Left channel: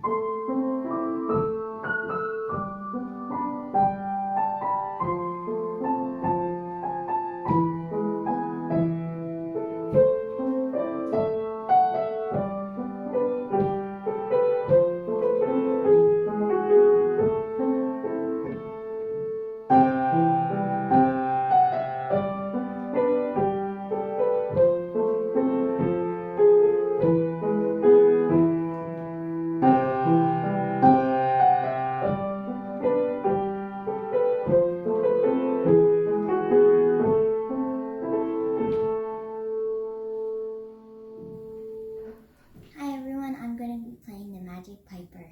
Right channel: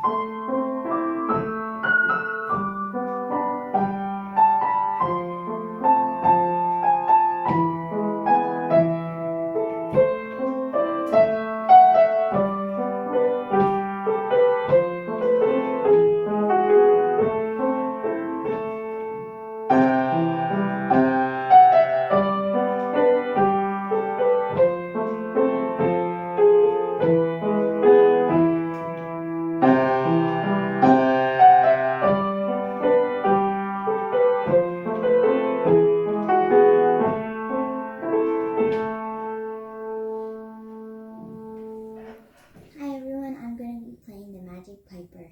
Hi everyone, I'm going to be playing the Magic Piper.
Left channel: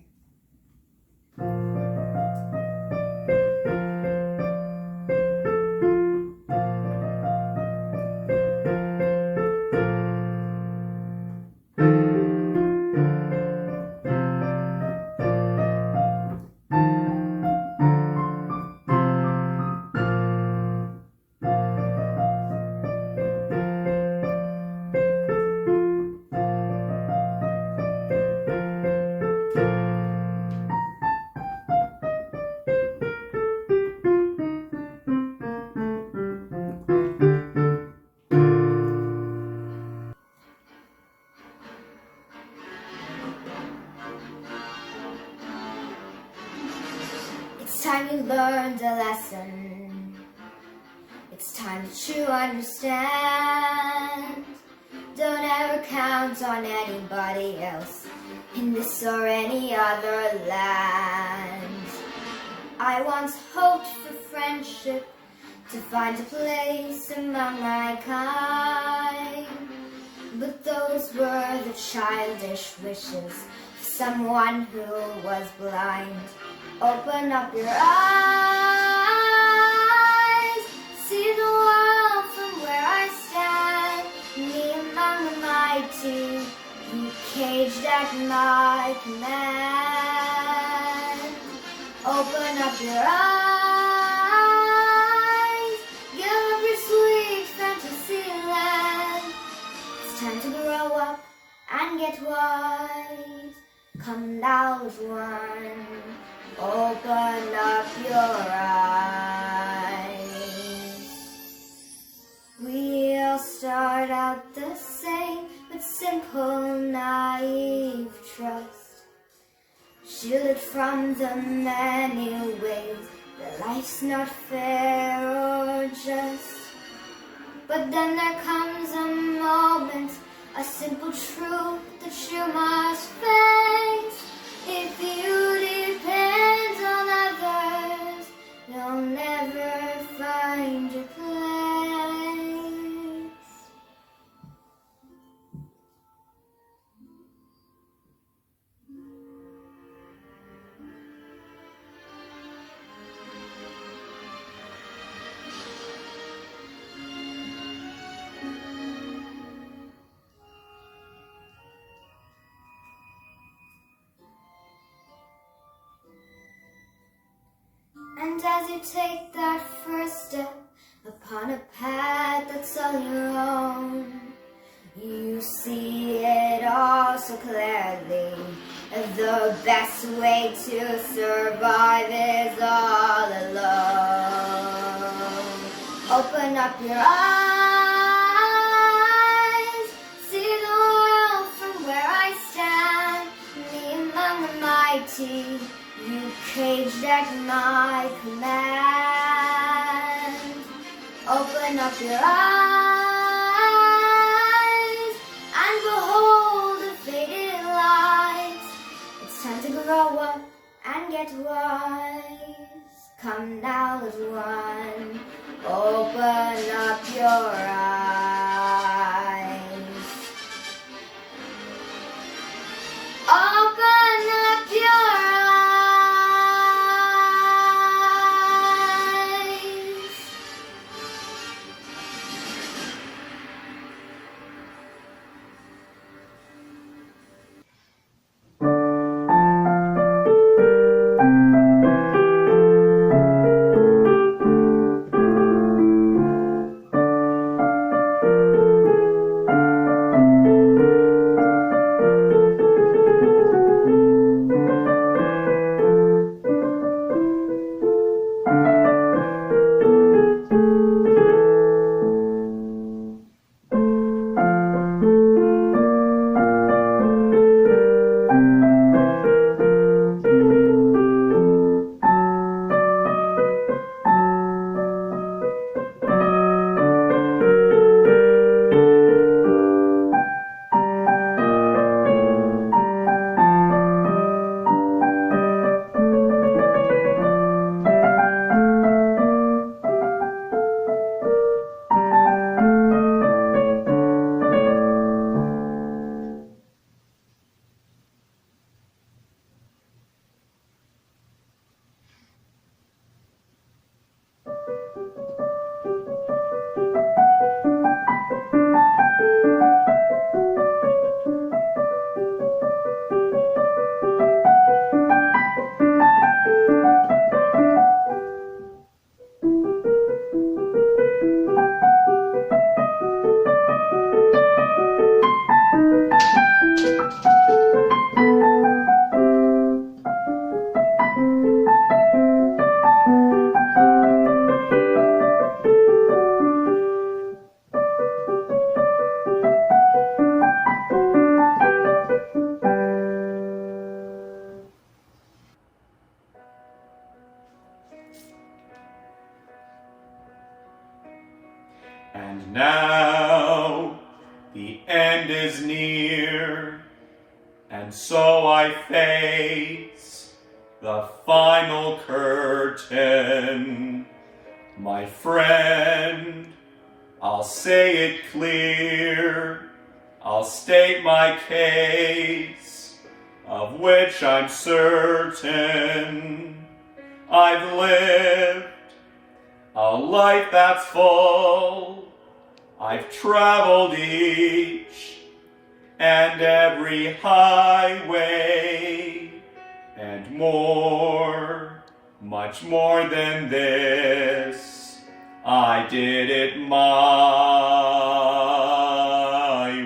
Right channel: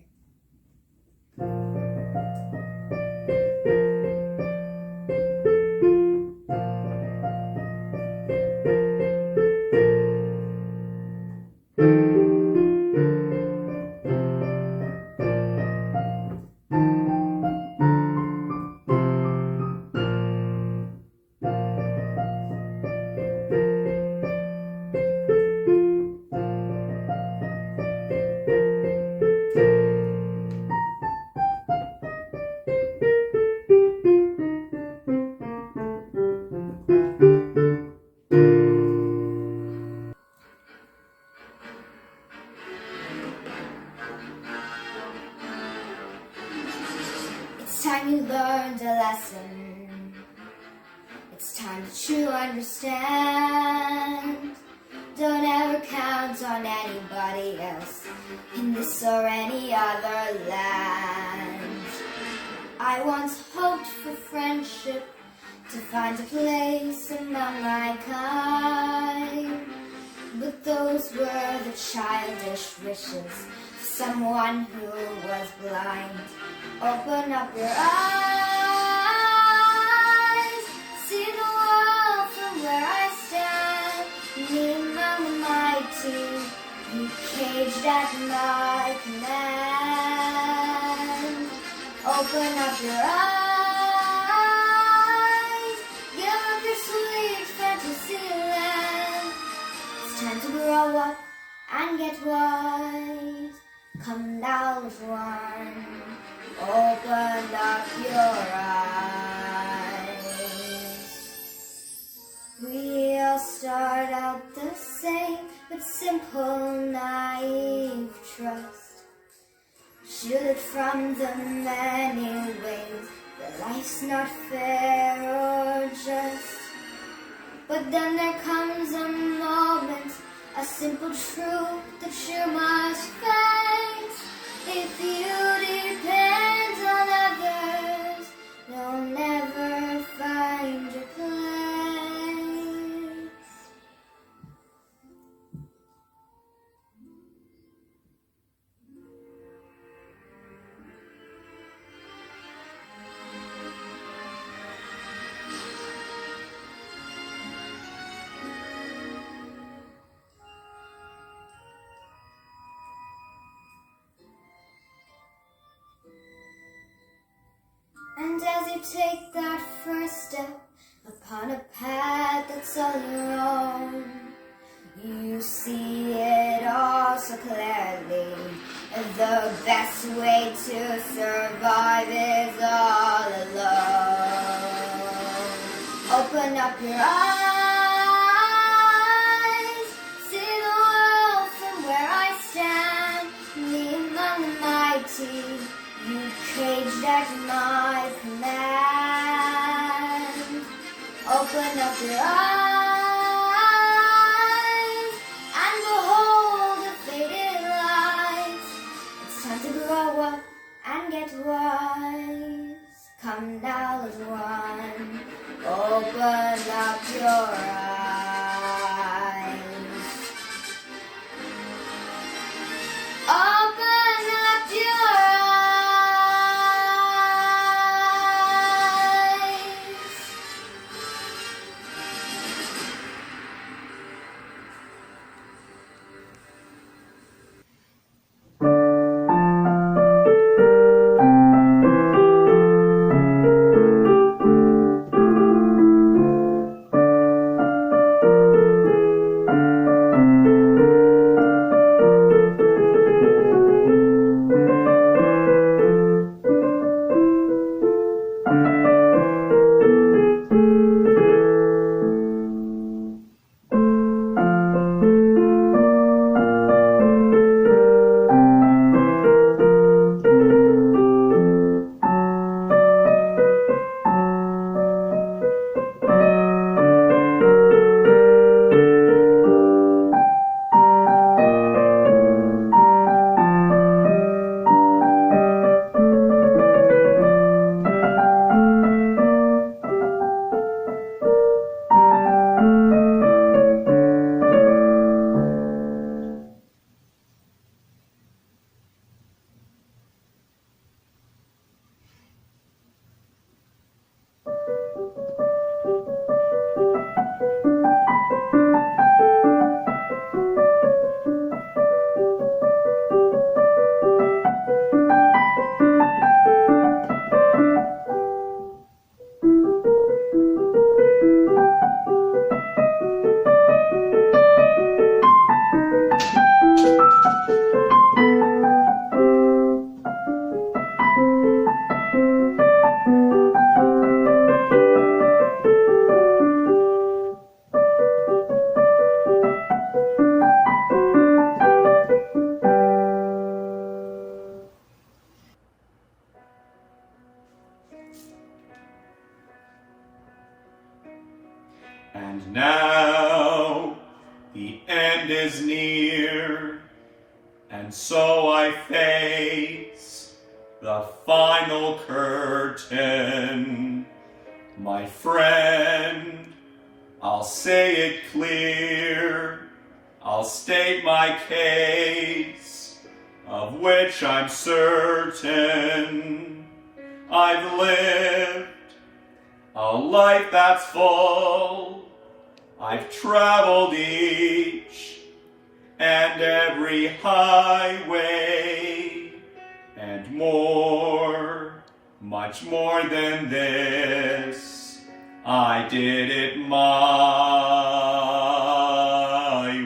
It's time you learned a lesson. It's time that you understand. Don't ever count on anybody else in this or any other land. I once hoped for friendship, to find a place among my kind, but those were the childish wishes of someone who was blind. Open up your eyes, see the world from where I stand, me among the mighty, you caged at my command. Open up your eyes, give up your sweet fantasy land. It's time to grow up and get wise. Come now as one, open up your eyes. We all start out the same, with simple, naive trust. Shielded from the many ways that life's not fair or just. But then there comes a moment, a simple truth that you must face. If you depend on others, you'll never find your place. And as you take that first step upon a path that's all your own, you see it all so clearly. The best way to survive is all alone. Open up your eyes, see the world from where I stand, me among the mighty, you caged at my command. Open up your eyes and behold the faded lights. It's time to grow up and get wise. Come now as one, open up your eyes. Open up your eyes. now the end is near, and so I face the final curtain. My friend, I'll say it clear, I'll state my case, of which I'm certain. I've lived a life that's full, I've traveled each and every highway, and more, much more than this, I did it my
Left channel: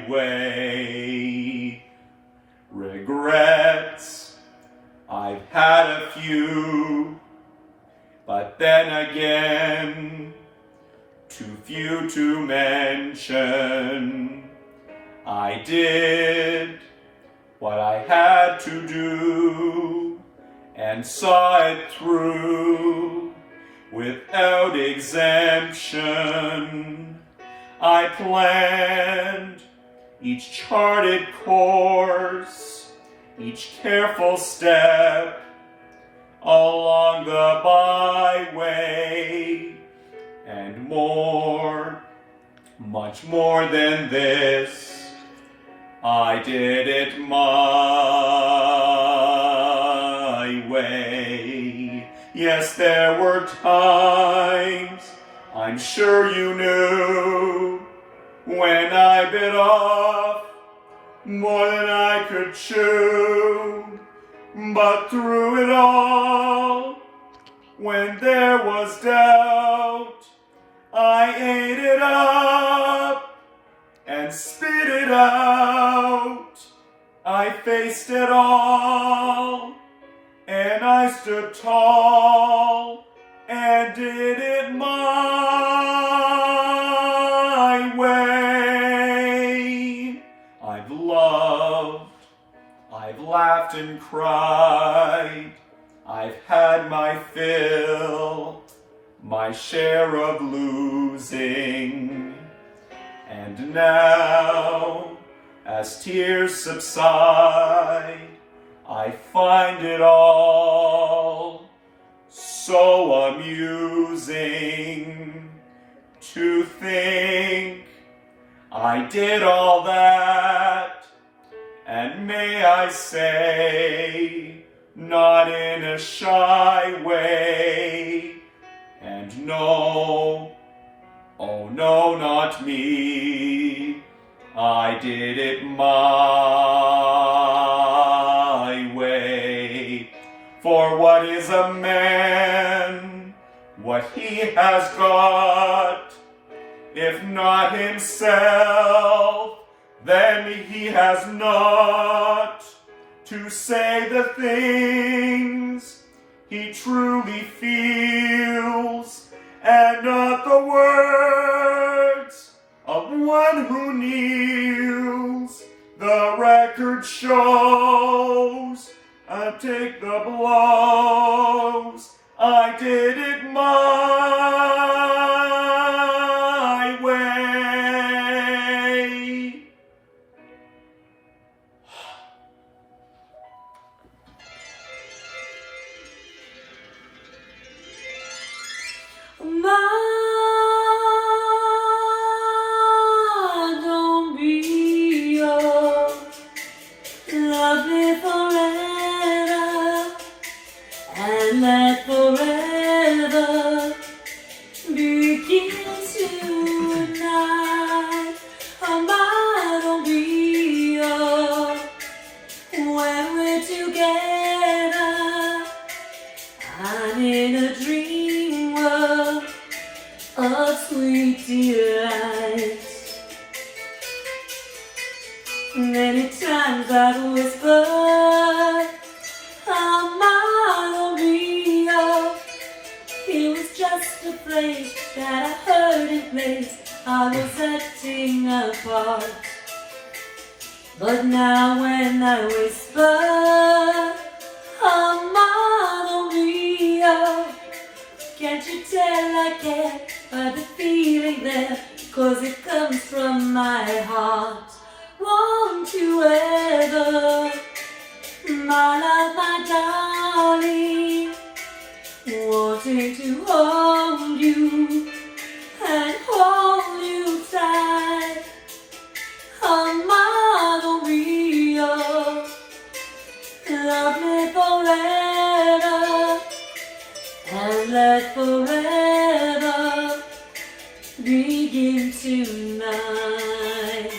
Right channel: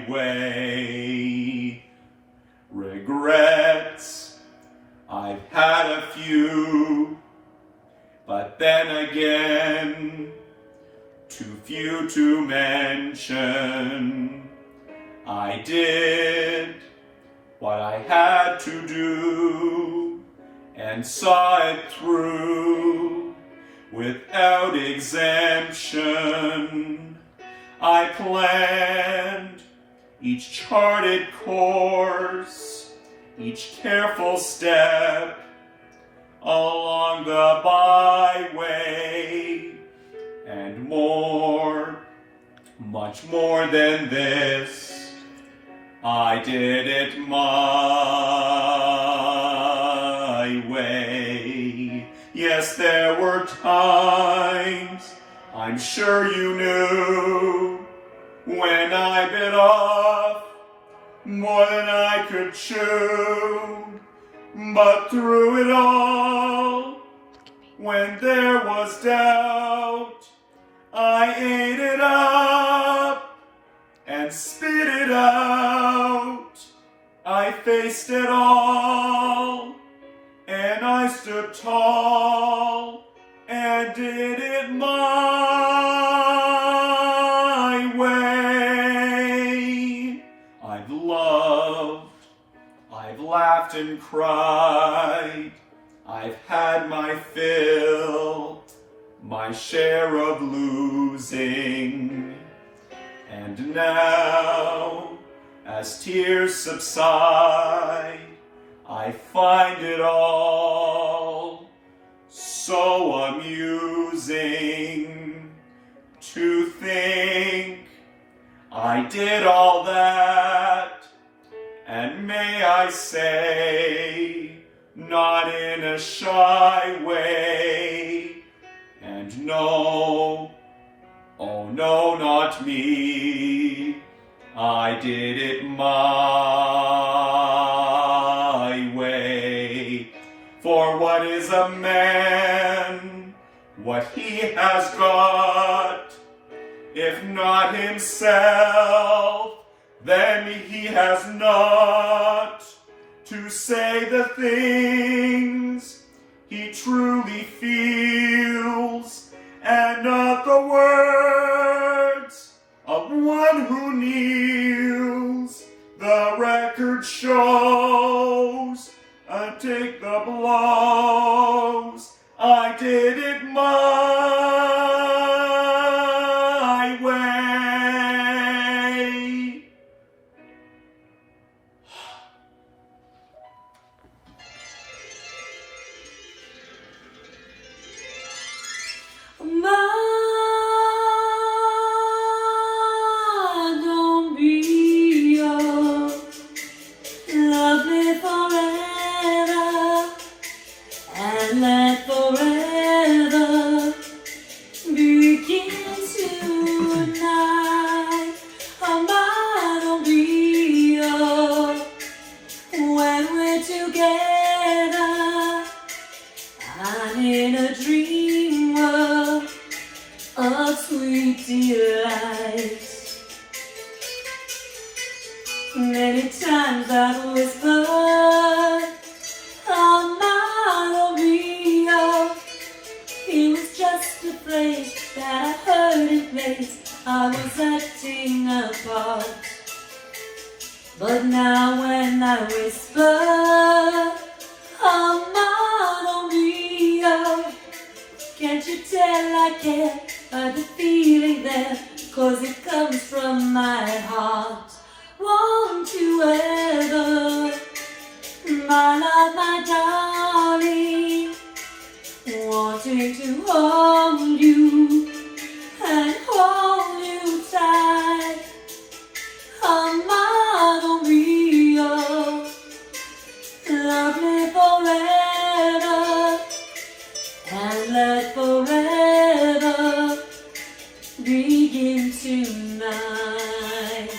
way. Regrets, I've had a few, but then again, too few to mention. I did what I had to do and saw it through without exemption. I planned each charted course, each careful step along the byway, and more, much more than this, I did it my way. Yes, there were times, I'm sure you knew, when I bit off more than I could chew. But through it all, when there was doubt, I ate it up and spit it out. I faced it all, and I stood tall and did it my way. I've loved, I've laughed and cried, I've had my fill, my share of losing. And now, as tears subside, I find it all so amusing to think I did all that, and may I say, not in a shy way. And no, oh no, not me, I did it my way. For what is a man, what he has got, if not himself, then he has not to say the things he truly feels, and not the words of one who kneels. The record shows, I take the blows, I did it my way. Don't be yours, love me forever, and let forever begin tonight. Don't be yours, when we're together, I'm in a dream world of sweet delights. Many times I've whispered, Maria. It was just a place that I heard in place I was acting apart. But now when I whisper, Maria, can't you tell I care? The feeling there 'cause it comes from my heart. Won't you ever, my love, my darling, wanting to hold you and hold you tight. Amado mío, love me forever and let forever begin tonight.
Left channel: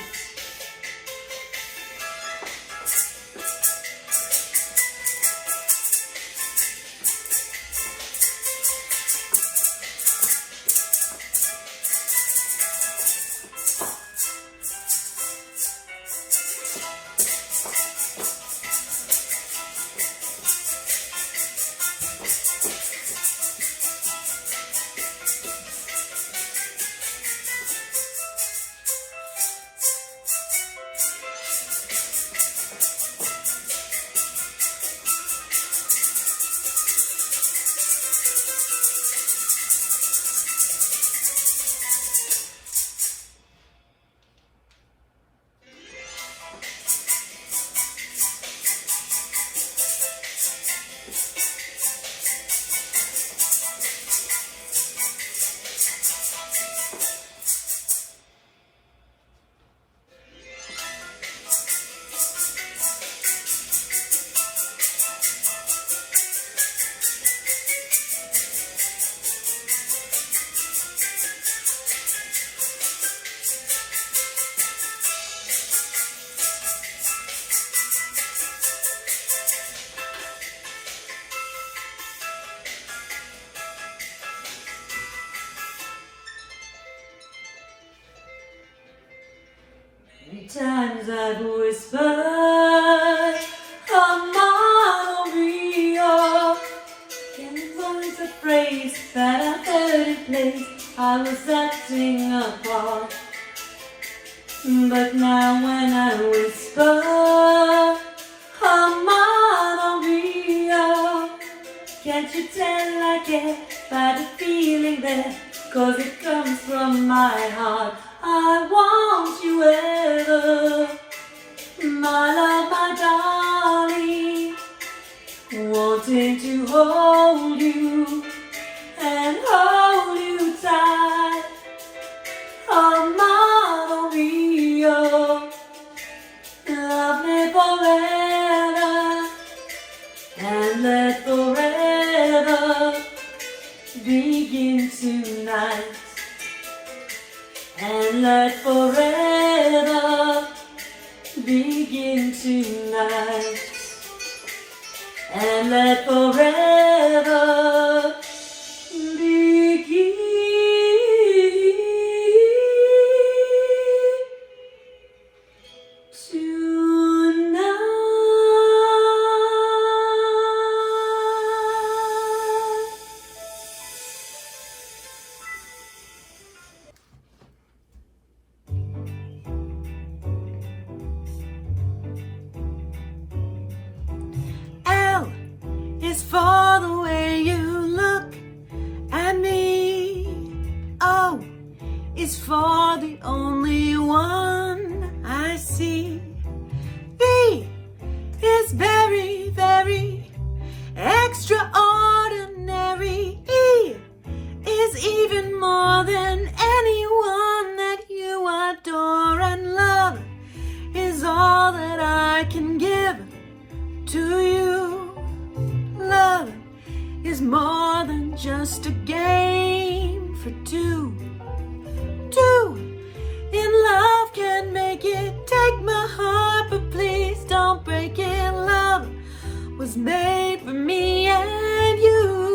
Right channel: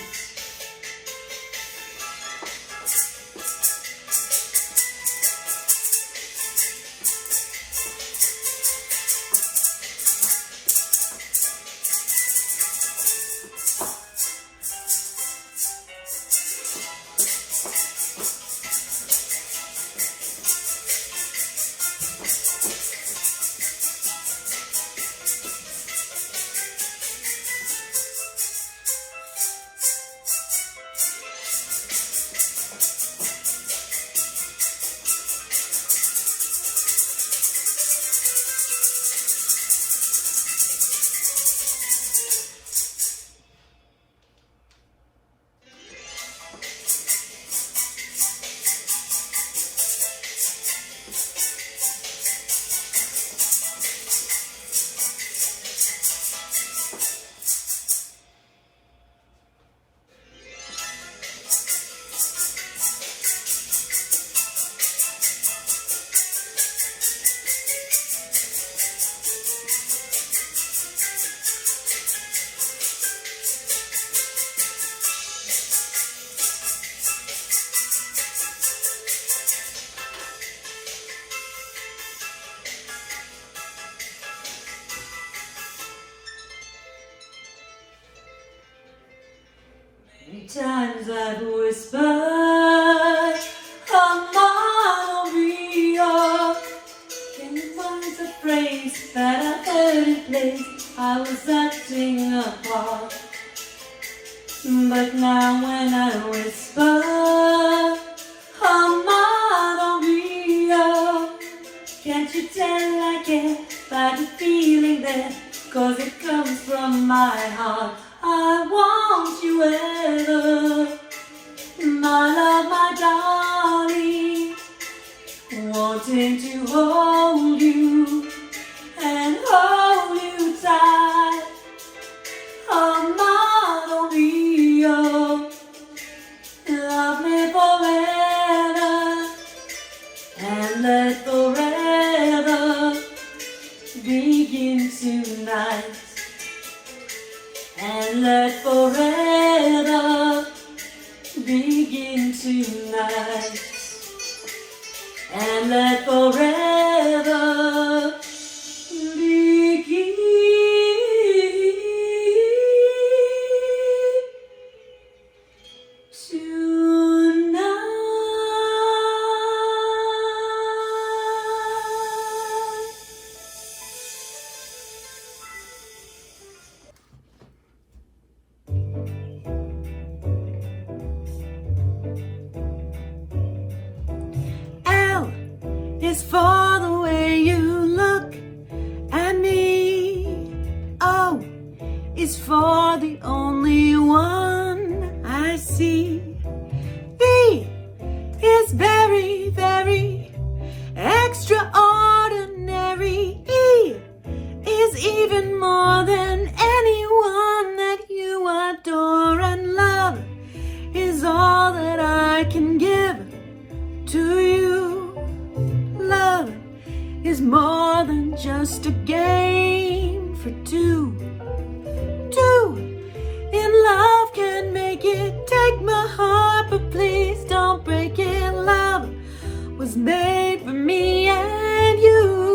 Many times I've whispered, amado mío, can you find the phrase that I heard in place? I was acting apart, but now when I whisper, amado mío, can't you tell I care by the feeling there? 'Cause it comes from my heart. I want you ever, my love, my darling, wanting to hold you and hold you tight. Amado mío, love me forever and let forever begin tonight. And let forever begin tonight. And let forever begin tonight. Is for the way you look at me. O is for the only one I see. V is very, very extraordinary. E is even more than anyone that you adore, and love is all that I can give to you. Love is more than just a game for two. Two in love can make it. Take my heart, but please don't break it. Love was made for me and you.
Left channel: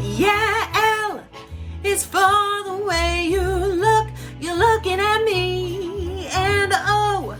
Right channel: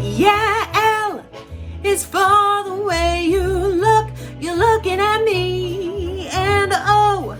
Yeah, L is for the way you look. You're looking at me. And O